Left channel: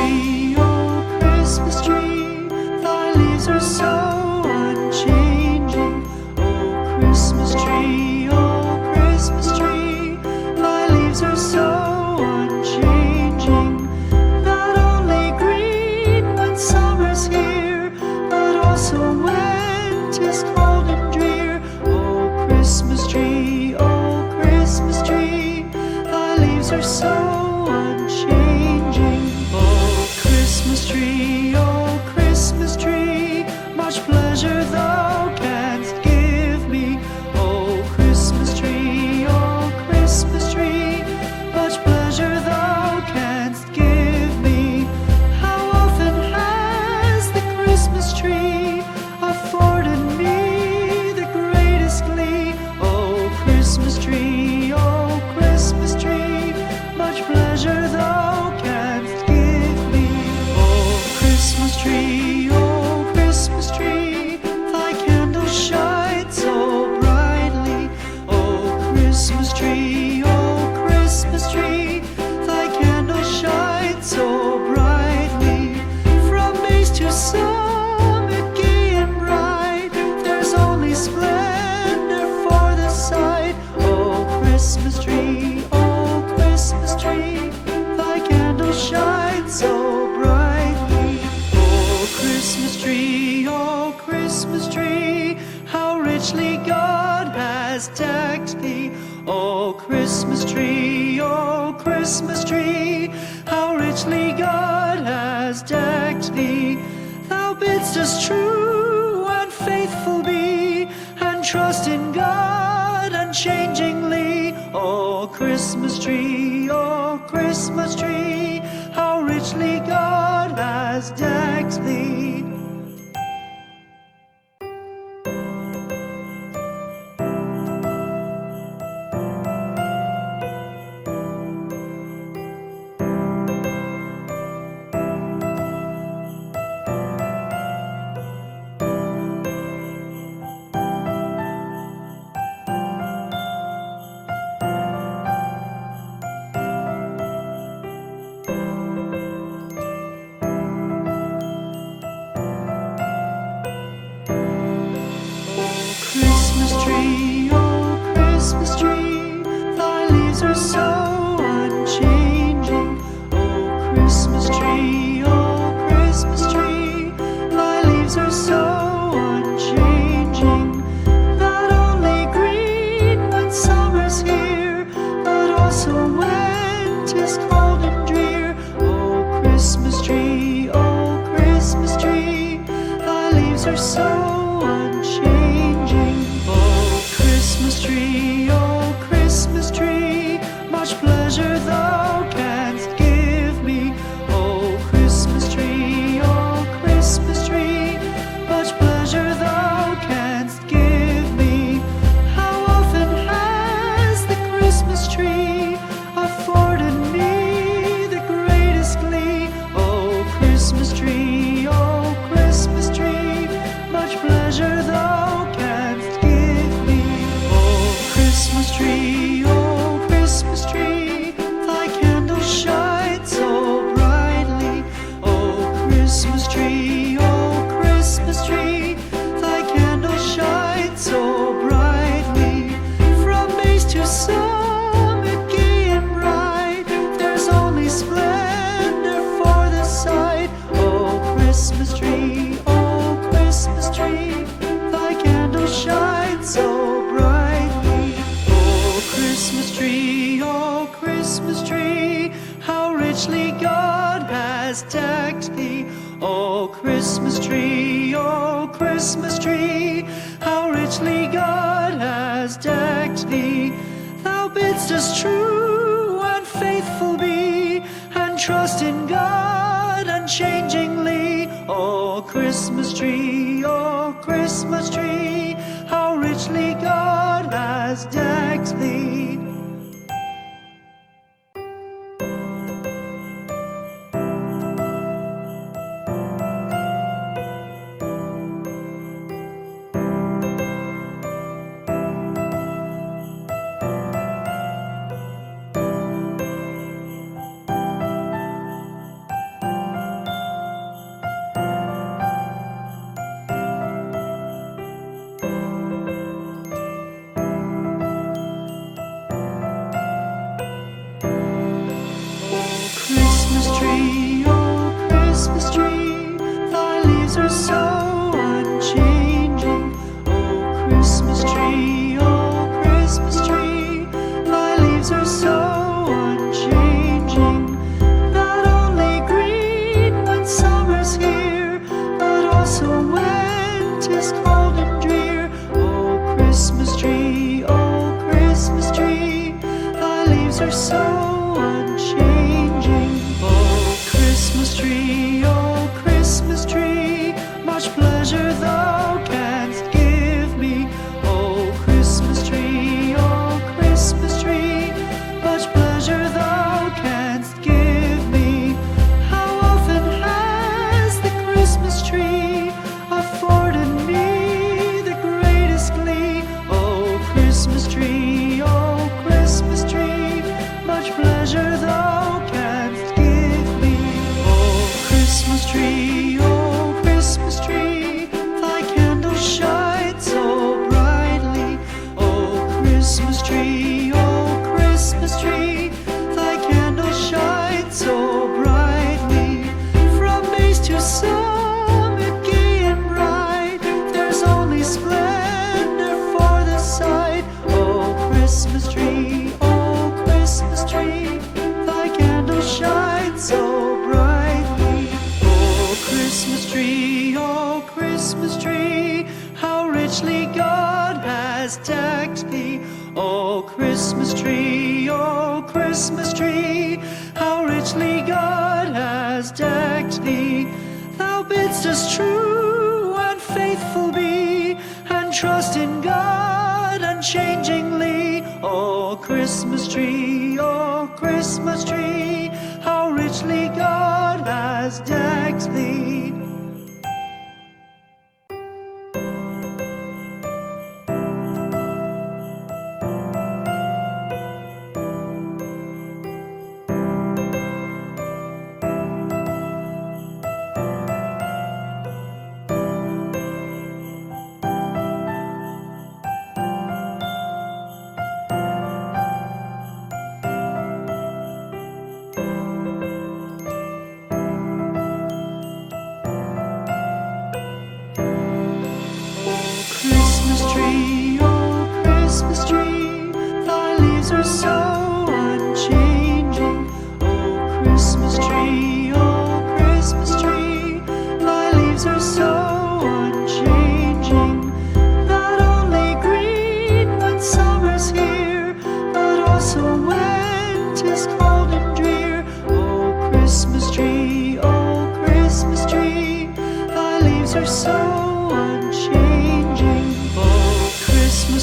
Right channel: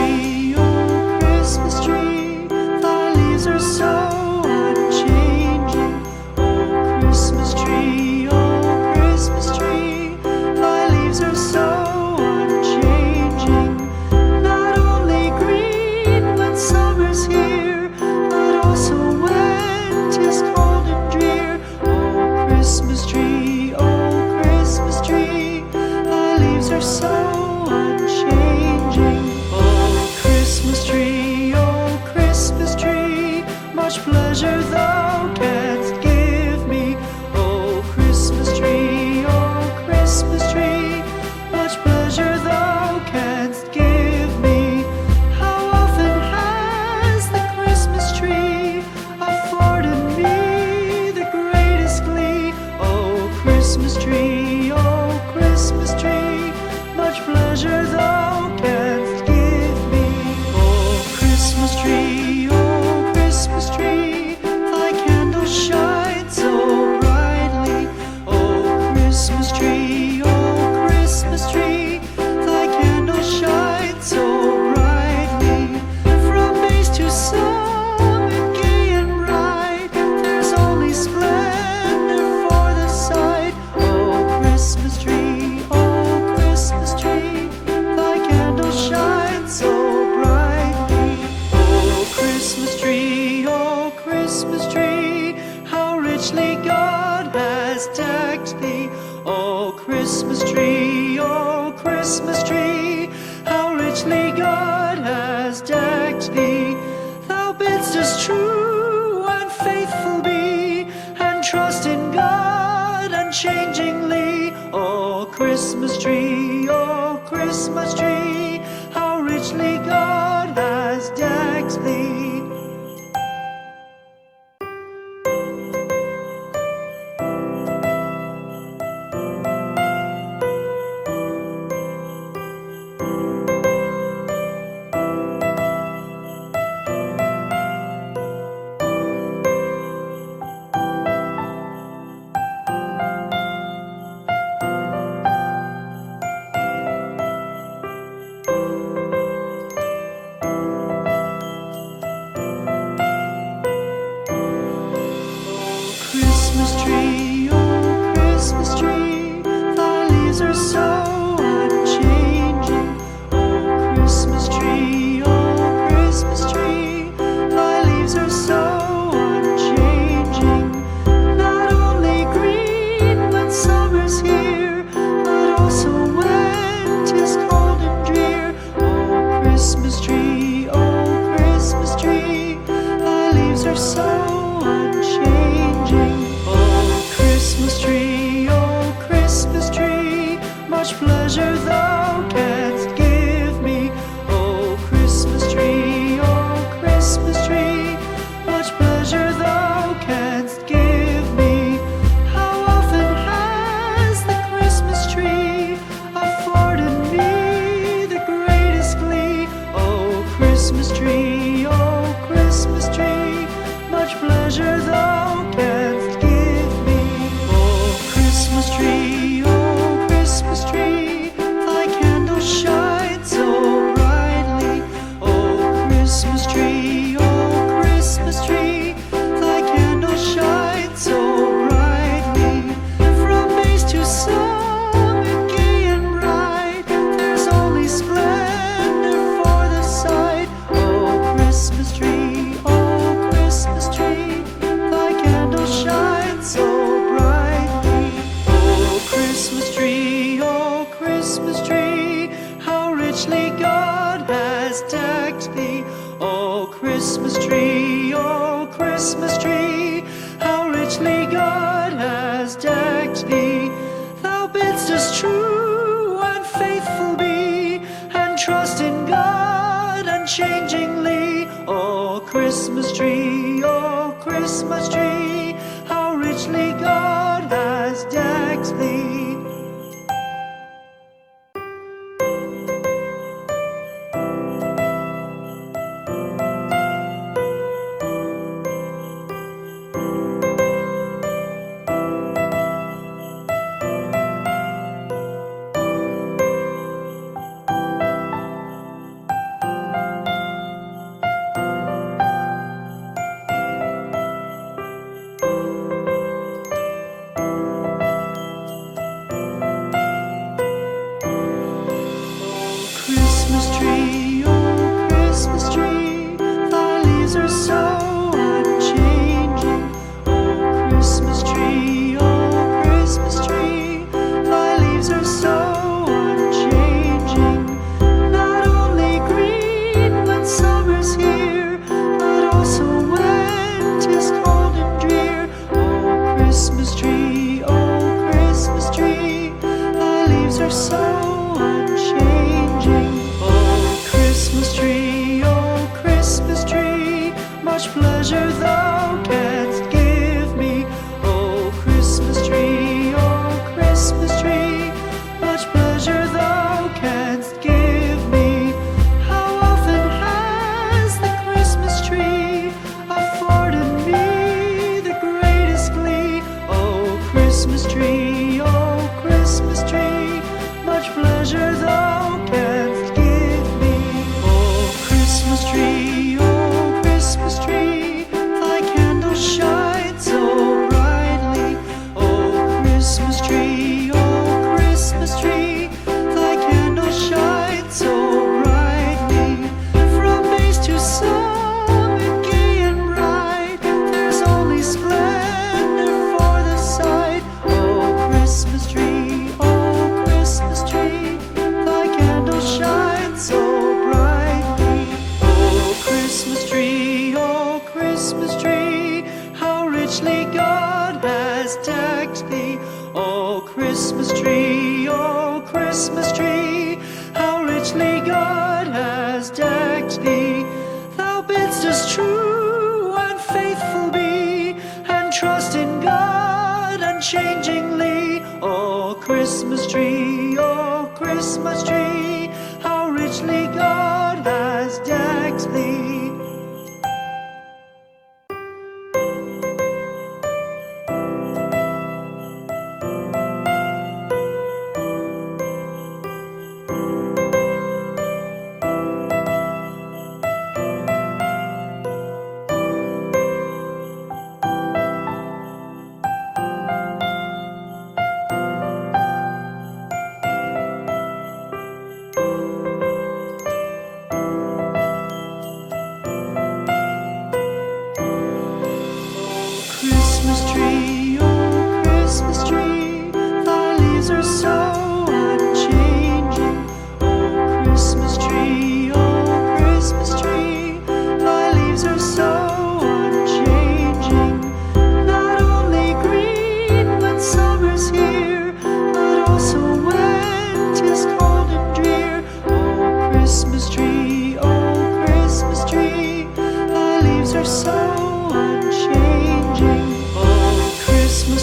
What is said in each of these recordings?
tree, oh Christmas tree, thy leaves are so unchanging. Oh Christmas tree, oh Christmas tree, thy leaves are so unchanging. Not only green when summer's here, but also when 'tis cold and drear. Oh Christmas tree, thy leaves are so unchanging. Oh Christmas tree, much pleasure thou canst give me. Oh Christmas tree, much pleasure thou canst give me. How often has the Christmas tree afforded me the greatest glee? Oh Christmas tree, much pleasure thou canst give me. Oh Christmas tree, thy candles shine so brightly. Oh Christmas tree, thy candles shine so brightly. From base to summit, gay and bright, there's only splendor for the sight. Oh Christmas tree, thy candles shine so brightly. Oh Christmas tree, how richly God has decked thee. Oh Christmas tree, how richly God has decked thee. Thou bidst us true and faithful be, and trust in God unchangingly. Oh Christmas tree, how richly God has decked thee. Christmas tree, thy leaves are so unchanging. Oh Christmas tree, thy leaves are so unchanging. Not only green when summer's here, but also when 'tis cold and drear. Oh Christmas tree, thy leaves are so unchanging. Oh Christmas tree, much pleasure thou canst give me. Oh Christmas tree, much pleasure thou canst give me. How often has the Christmas tree afforded me the greatest glee? Oh Christmas tree, much pleasure thou canst give me. Oh Christmas tree, thy candles shine so brightly. Oh Christmas tree, thy candles shine so brightly. From base to summit, gay and bright, there's only splendor for the sight. Oh Christmas tree, thy candles shine so brightly. Oh Christmas tree, how richly God has decked thee. Oh Christmas tree, how richly God has decked thee. Thou bidst us true and faithful be, and trust in God unchangingly. Oh Christmas tree, how richly God has decked thee. Christmas tree, oh Christmas tree, thy leaves are so unchanging. Oh Christmas tree, oh Christmas tree, thy leaves are so unchanging. Not only green when summer's here, but also when 'tis cold and drear. Oh Christmas tree, thy leaves are so unchanging. Oh Christmas tree, much pleasure thou canst give me. Oh Christmas tree, much pleasure thou canst give me. How often has the Christmas tree afforded me the greatest glee? Oh Christmas tree, much pleasure thou canst give me. Oh Christmas tree, thy candles shine so brightly. Oh Christmas tree, thy candles shine so brightly. From base to summit, gay and bright, there's only splendor for the sight. Oh Christmas tree, thy candles shine so brightly. Oh Christmas tree, how richly God has decked thee. Oh Christmas tree, how richly God has decked thee. Thou bidst us true and faithful be, and trust in God unchangingly. Oh Christmas tree, how richly God has decked thee. Christmas tree, thy leaves are so unchanging. Oh Christmas tree, thy leaves are so unchanging. Not only green when summer's here, but also when 'tis cold and drear. Oh Christmas tree, thy leaves are so unchanging. Oh Christmas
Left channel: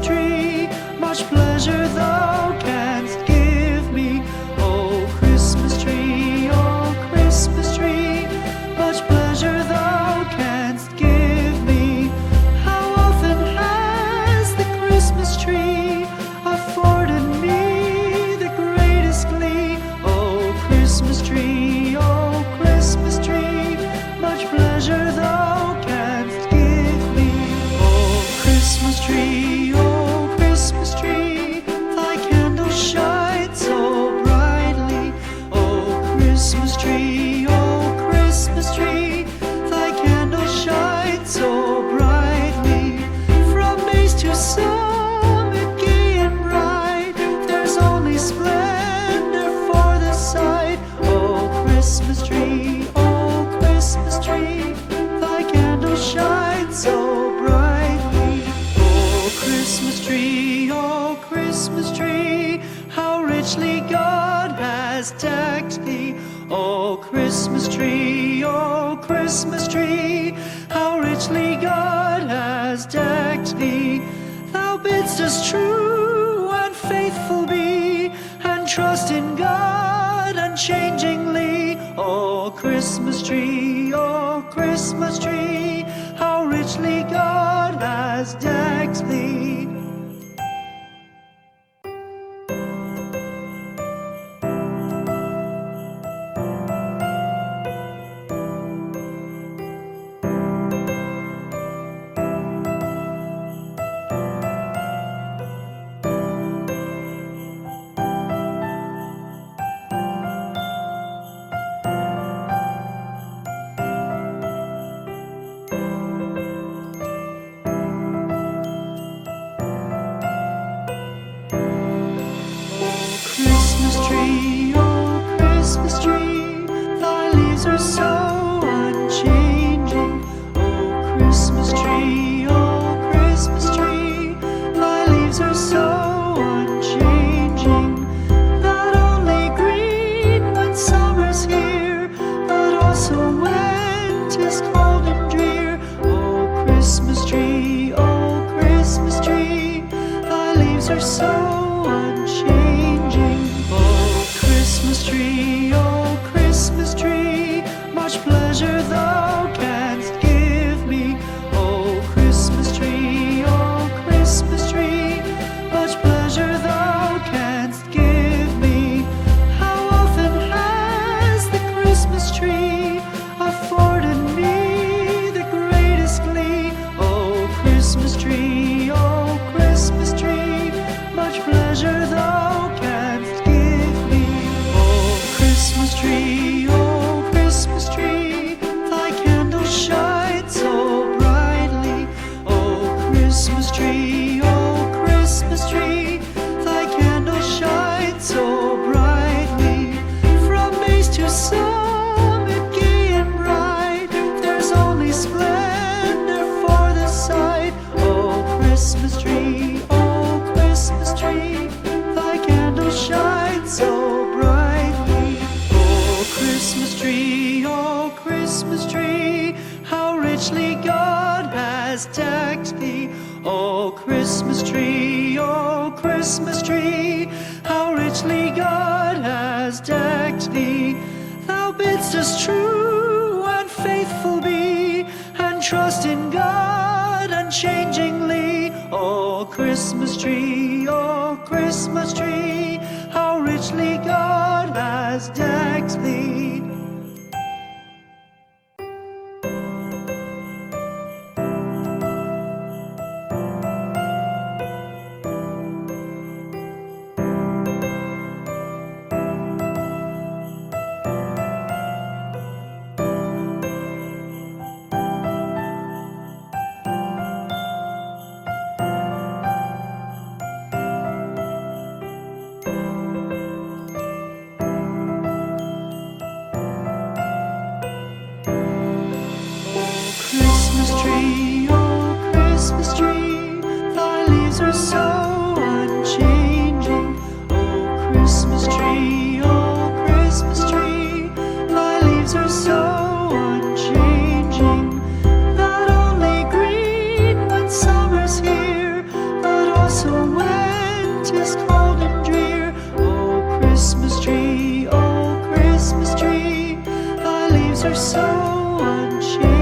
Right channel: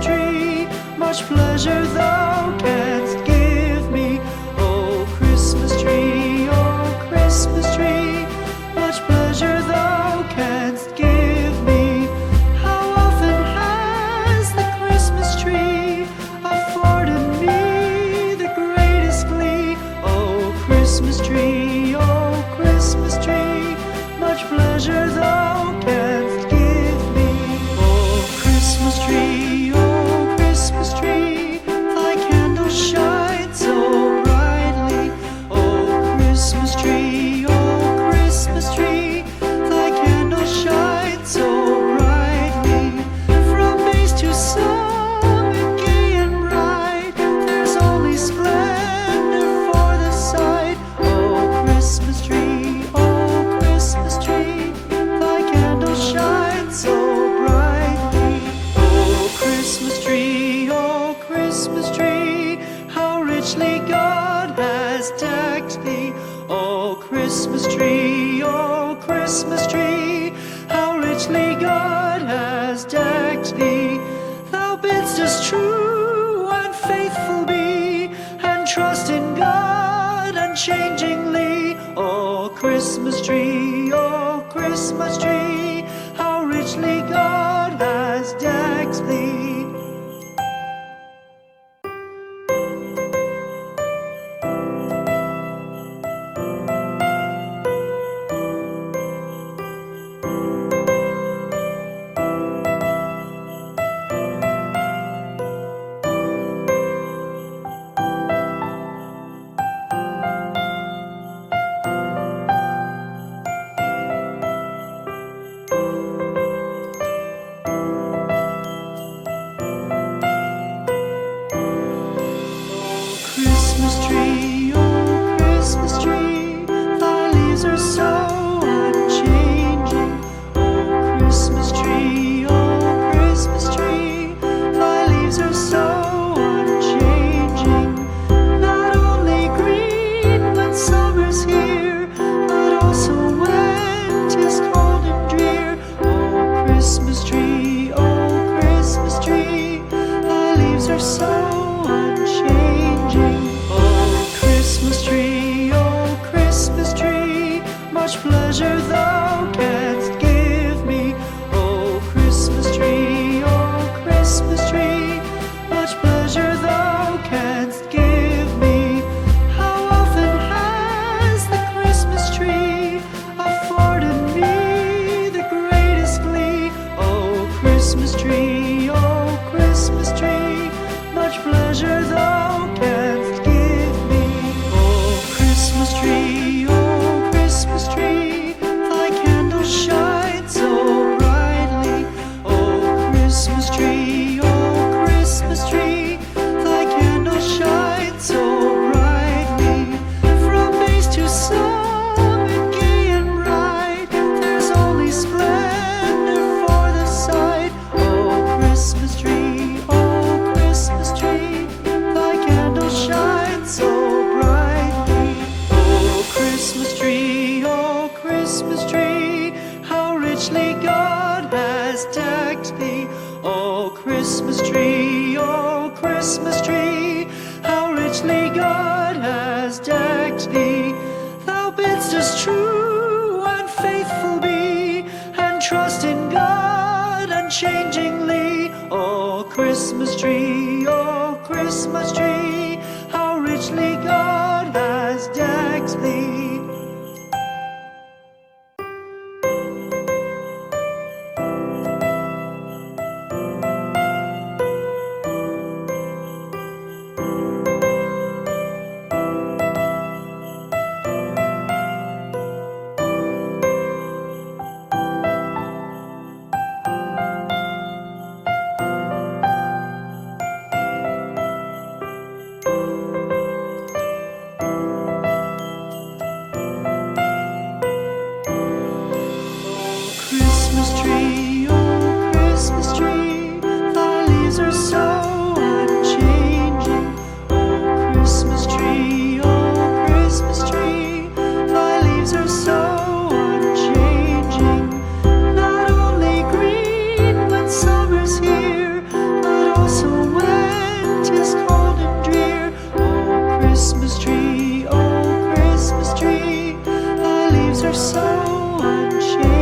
tree, much pleasure thou canst give me. Oh Christmas tree, much pleasure thou canst give me. How often has the Christmas tree afforded me the greatest glee? Oh Christmas tree, much pleasure thou canst give me. Oh Christmas tree, thy candles shine so brightly. Oh Christmas tree, thy candles shine so brightly. From base to summit, gay and bright, there's only splendor for the sight. Oh Christmas tree, thy candles shine so brightly. Oh Christmas tree, how richly God has decked thee. Oh Christmas tree, how richly God has decked thee. Thou bidst us true and faithful be, and trust in God unchangingly. Oh Christmas tree, how richly God has decked thee. God has decked thee. Thou bidst us true and faithful be, and trust in God unchangingly. Oh Christmas tree, how richly God has decked thee. Christmas tree, oh Christmas tree, thy leaves are so unchanging. Oh Christmas tree, thy leaves are so unchanging. Not only green when summer's here, but also when 'tis cold and drear. Oh Christmas tree, thy leaves are so unchanging.